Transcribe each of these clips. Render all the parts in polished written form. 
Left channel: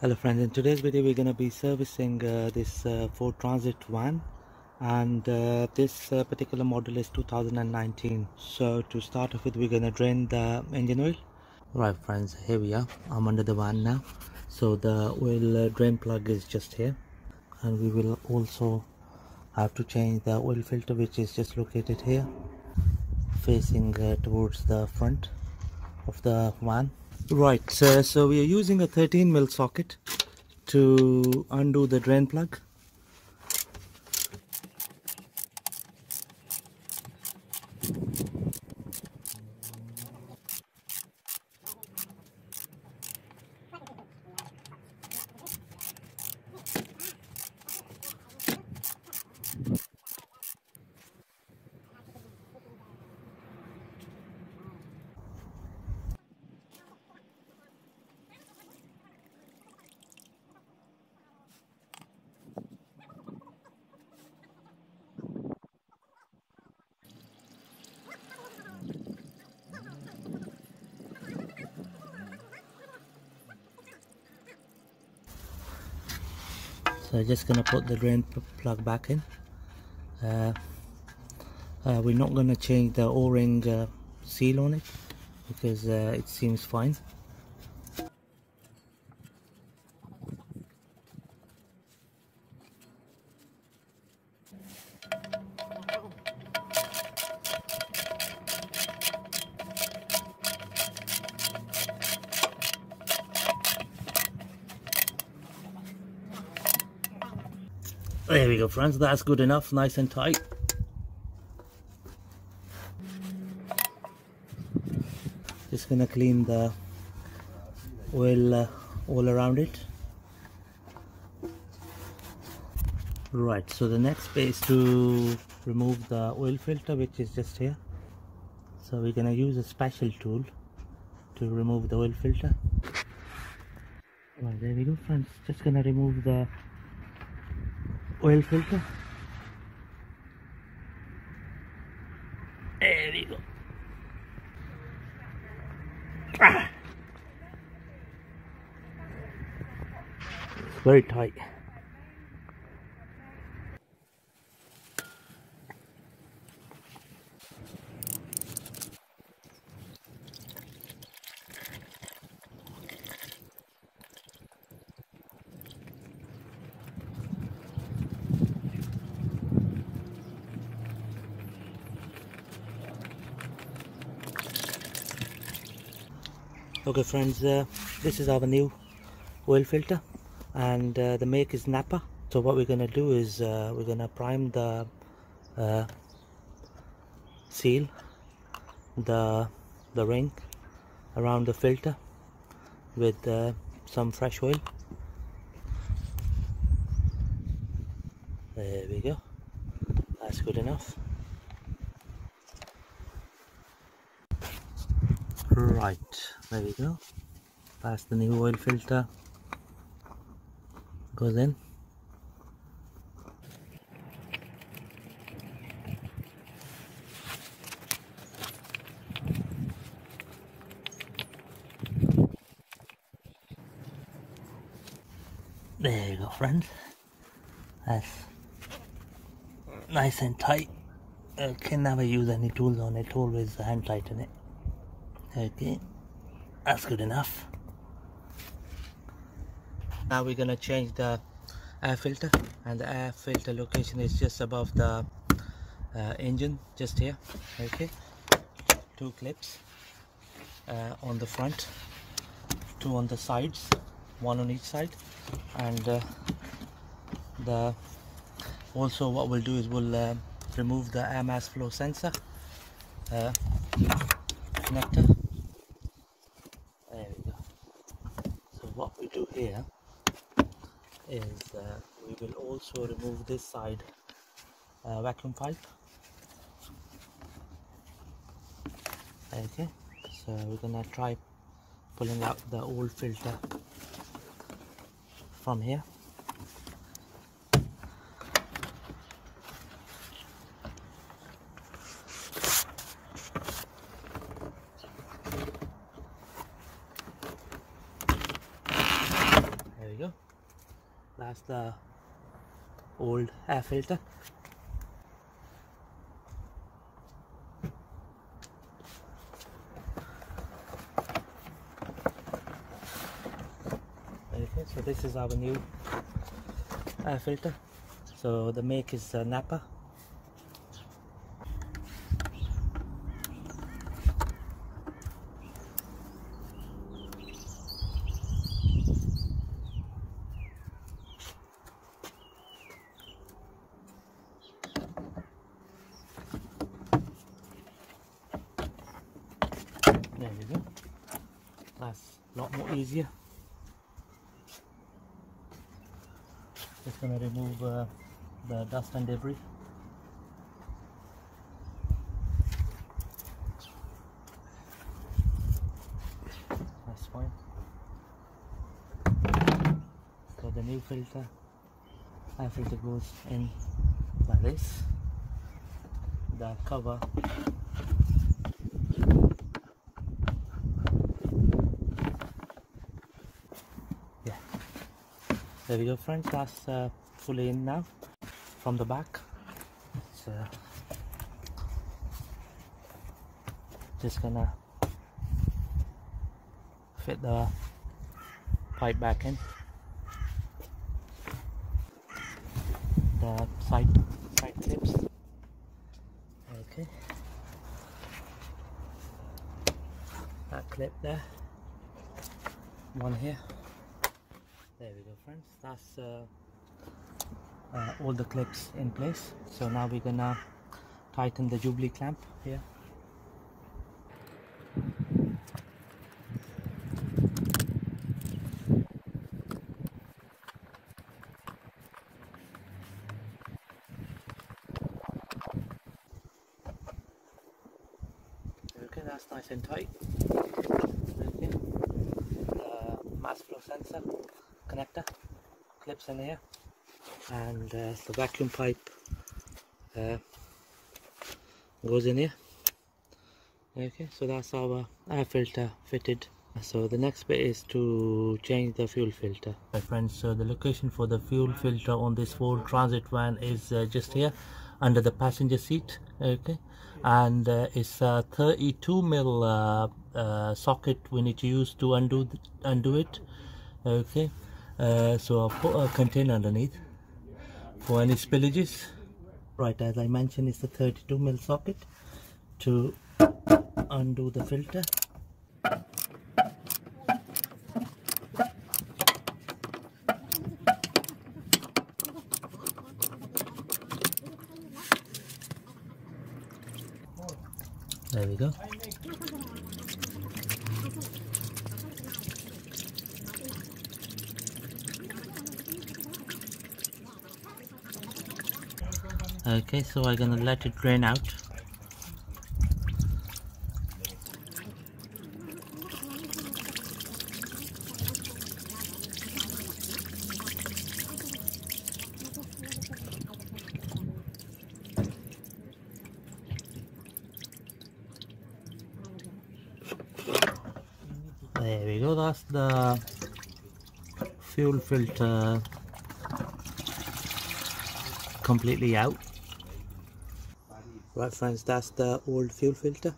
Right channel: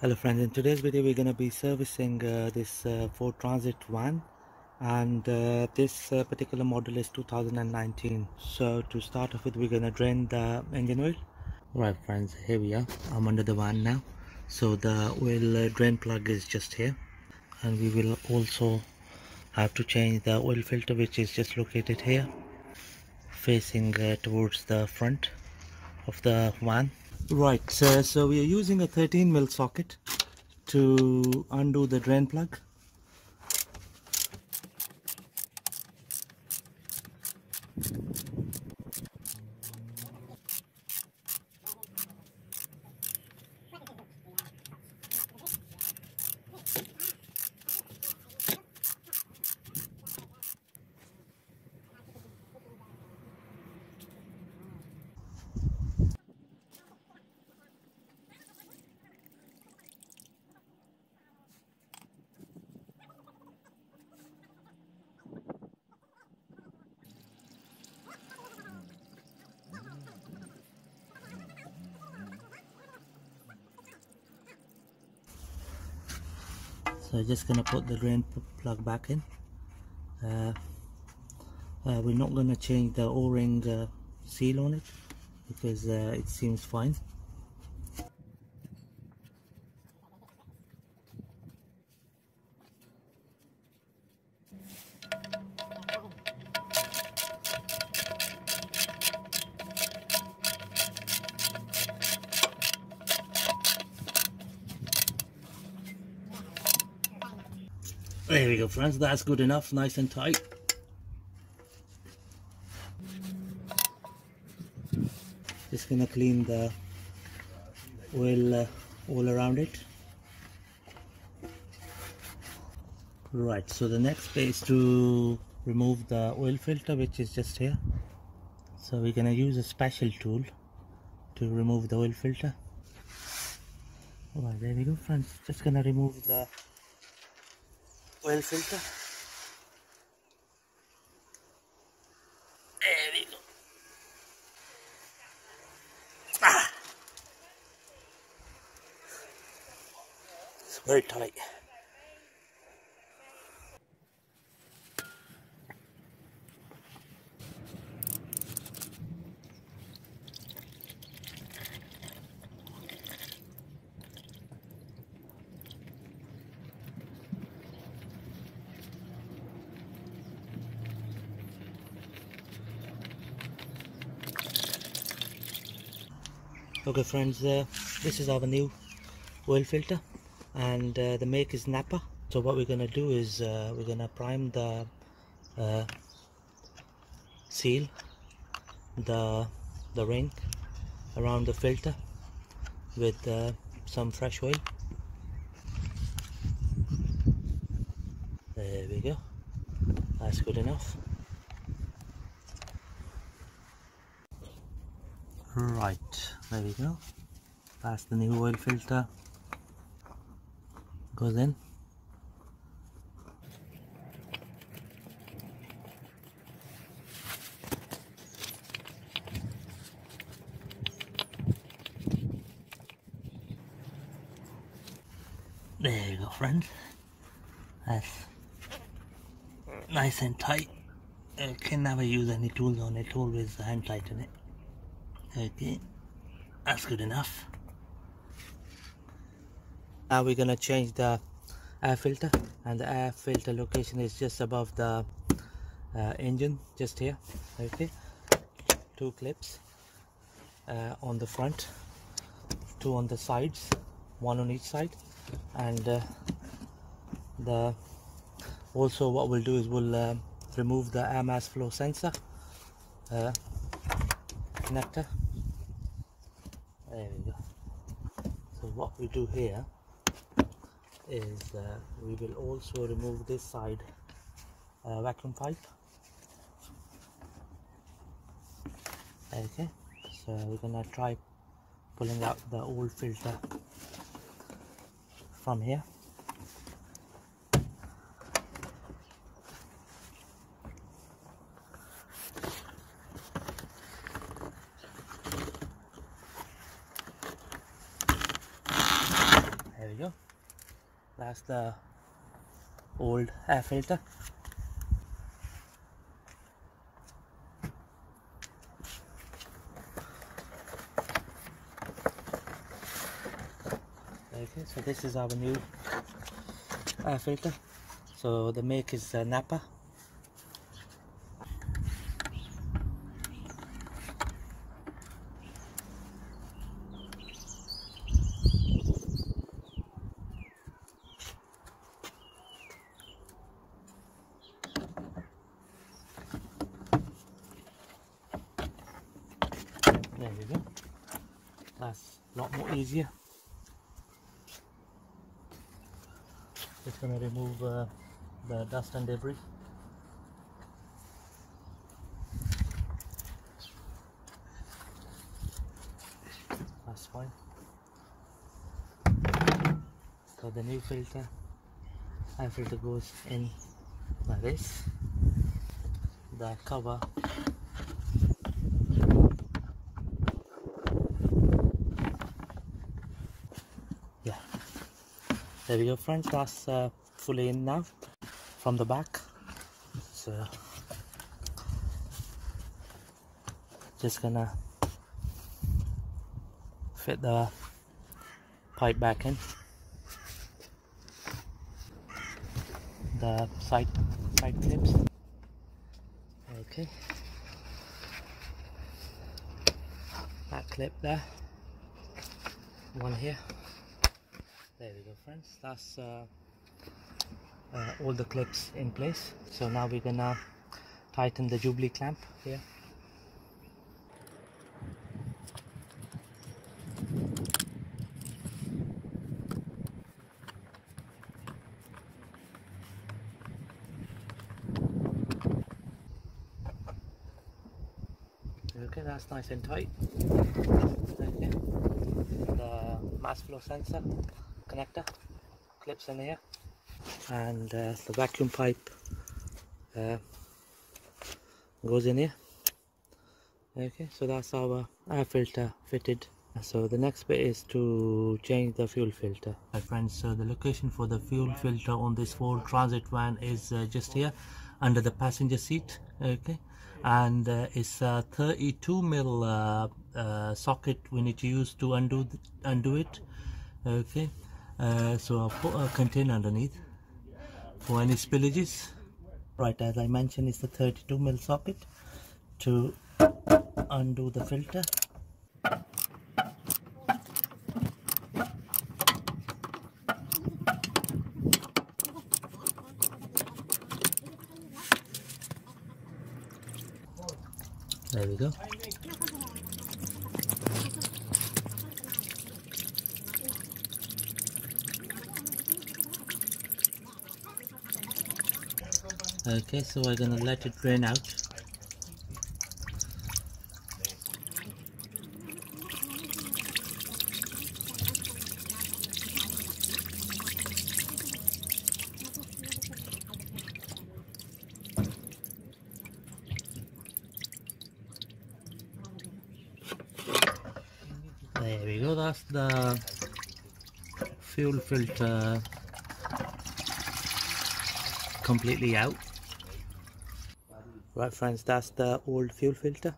Hello friends, in today's video we're going to be servicing this Ford Transit van, and this particular model is 2019. So to start off with, we're going to drain the engine oil. Right friends, here we are. I'm under the van now. So the oil drain plug is just here, and we will also have to change the oil filter, which is just located here, facing towards the front of the van. Right, so we are using a 13mm socket to undo the drain plug. So just gonna put the drain plug back in. We're not gonna change the O-ring seal on it because it seems fine. There we go friends, that's good enough, nice and tight. Just gonna clean the oil all around it. Right, so the next bit is to remove the oil filter, which is just here. So we're gonna use a special tool to remove the oil filter. Right, there we go friends, just gonna remove the oil filter. There we go. It's very tight. Okay friends, this is our new oil filter, and the make is Napa. So what we're going to do is we're going to prime the seal, the ring around the filter with some fresh oil. There we go, that's good enough. Right, there we go, that's the new oil filter, goes in. There you go friends, that's nice and tight. I can never use any tools on it, always hand tighten it. Okay, that's good enough. Now we're gonna change the air filter, and the air filter location is just above the engine, just here. Okay, two clips on the front, two on the sides, one on each side, and also what we'll do is we'll remove the air mass flow sensor connector. There we go. So what we do here is we will also remove this side vacuum pipe. Okay, so we're gonna try pulling out the old filter from here. There we that's the old air filter. Okay, so this is our new air filter. So the make is Napa. There we go. That's a lot more easier. Just gonna remove the dust and debris. That's fine. So the new filter, air filter goes in like this. The cover there we go, friends. That's fully in now from the back. So just gonna fit the pipe back in. The side clips. Okay. That clip there. One here. There we go, friends. That's all the clips in place. So now we're gonna tighten the Jubilee clamp here. Okay, that's nice and tight. Okay. The mass flow sensor connector clips in here, and the vacuum pipe goes in here. Okay, so that's our air filter fitted. So the next bit is to change the fuel filter. My friends, so the location for the fuel filter on this Ford Transit van is just here under the passenger seat. Okay, and it's a 32mm socket we need to use to undo it. Okay, so I'll put a container underneath for any spillages. Right, as I mentioned, it's the 32mm socket to undo the filter. There we go. Okay, so I'm gonna let it drain out. There we go, that's the fuel filter completely out. Right, friends, that's the old fuel filter,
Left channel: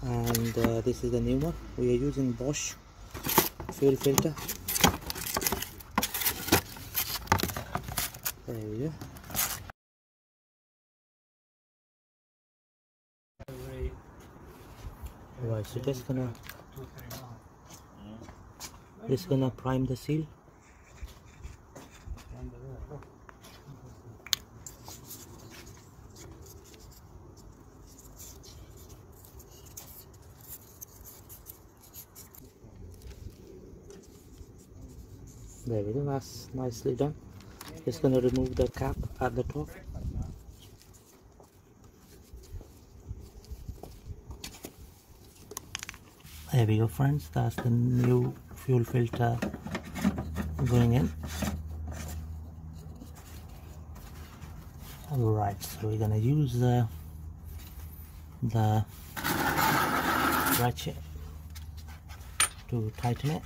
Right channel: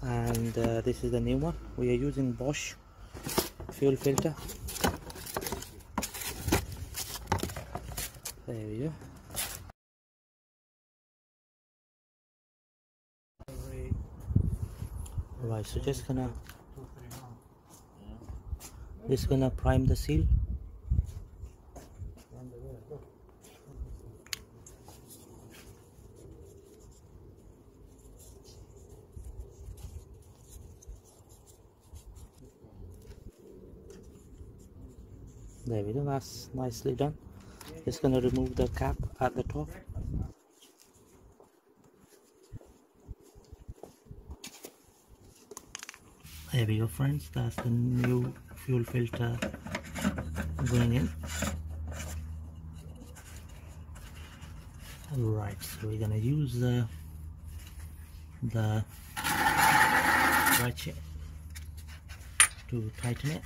and this is the new one. We are using Bosch fuel filter. There we go. Right, so just gonna prime the seal. There we go, that's nicely done. Just gonna remove the cap at the top. There we go, friends, that's the new fuel filter going in. Alright, so we're gonna use the ratchet to tighten it.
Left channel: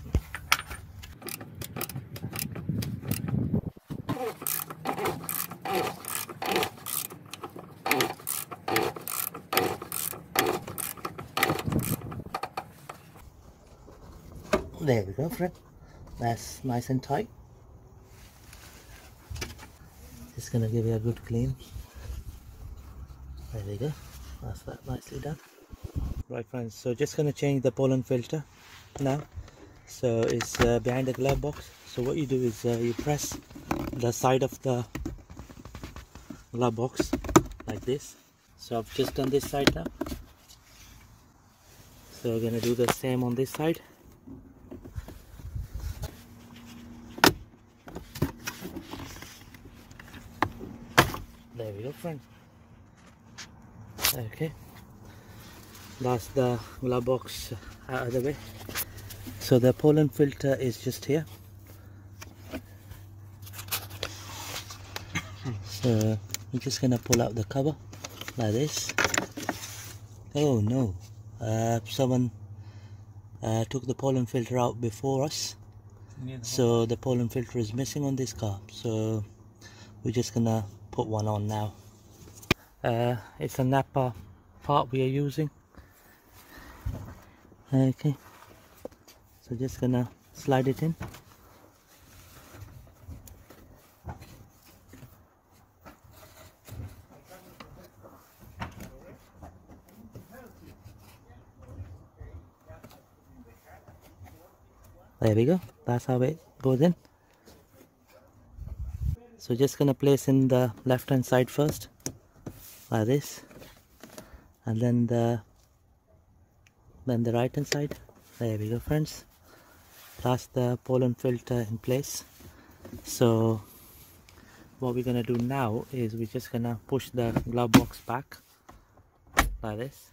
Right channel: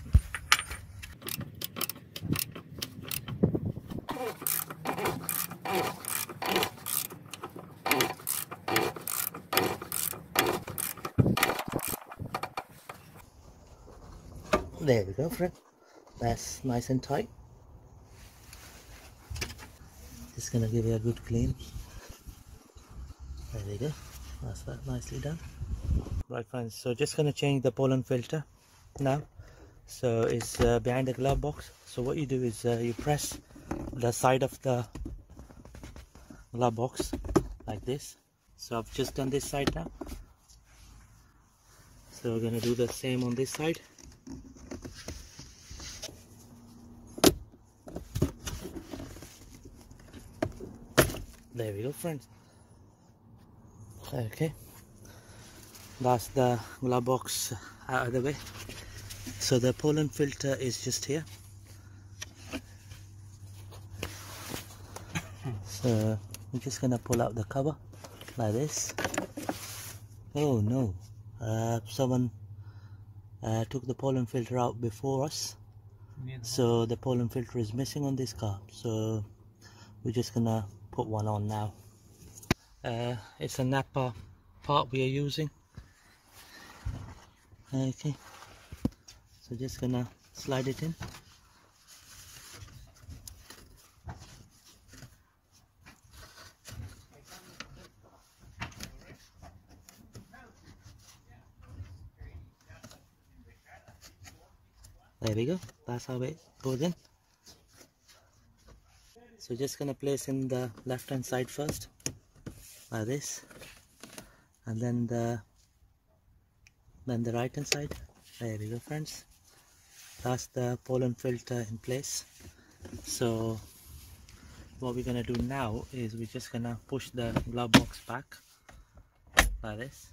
There we go, friend. That's nice and tight. Just gonna give it a good clean. There we go. That's that nicely done. Right, friends. So just gonna change the pollen filter now. So it's behind the glove box. So what you do is you press the side of the glove box like this. So I've just done this side now. So we're gonna do the same on this side. There we go, friends. Okay, that's the glove box out of the way. So the pollen filter is just here. So I'm just gonna pull out the cover like this. Oh no, someone took the pollen filter out before us. So the pollen filter is missing on this car. So we're just gonna put one on now. It's a Napa part we are using. Okay, so just gonna slide it in. There we go, that's how it goes in. So just gonna place in the left hand side first, like this, and then the right hand side. There we go, friends. That's the pollen filter in place. So what we're gonna do now is we're just gonna push the glove box back like this,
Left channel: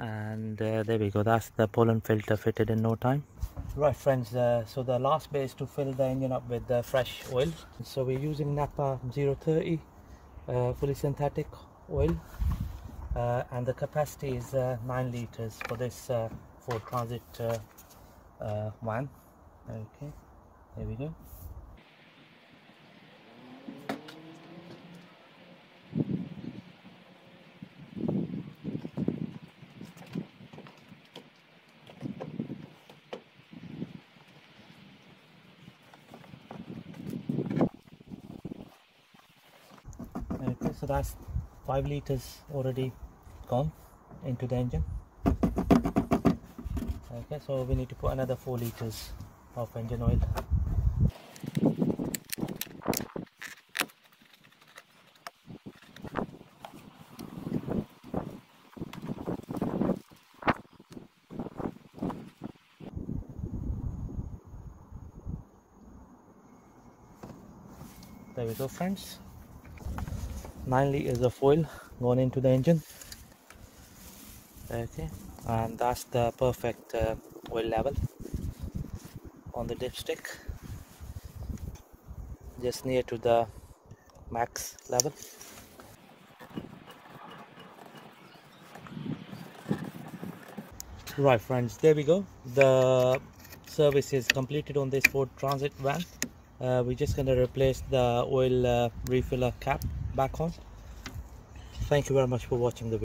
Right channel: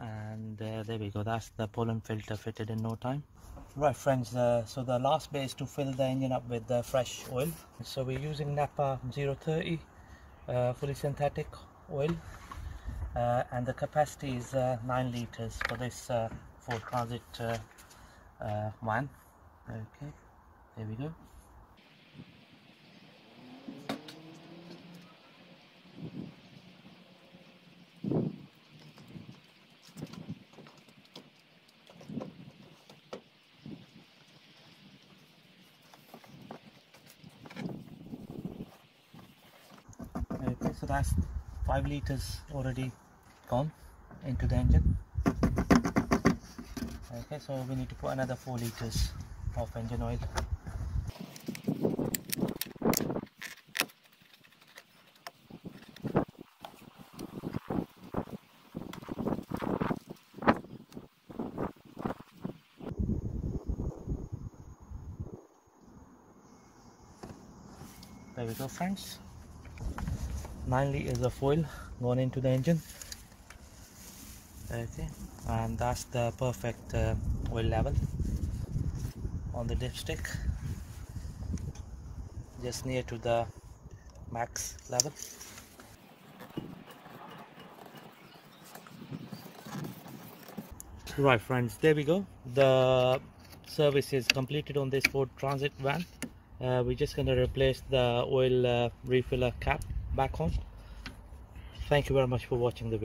and there we go, that's the pollen filter fitted in no time. Right, friends, so the last bit is to fill the engine up with fresh oil. So we're using Napa 030 fully synthetic oil, and the capacity is 9 liters for this Ford Transit van. Okay, there we go. Okay, so that's 5 liters already gone into the engine. Okay, so we need to put another 4 liters of engine oil. There we go, friends. 9 liters of oil going into the engine. Okay, and that's the perfect oil level on the dipstick, just near to the max level. Right, friends, there we go. The service is completed on this Ford Transit van. We're just going to replace the oil refiller cap back on. Thank you very much for watching the video.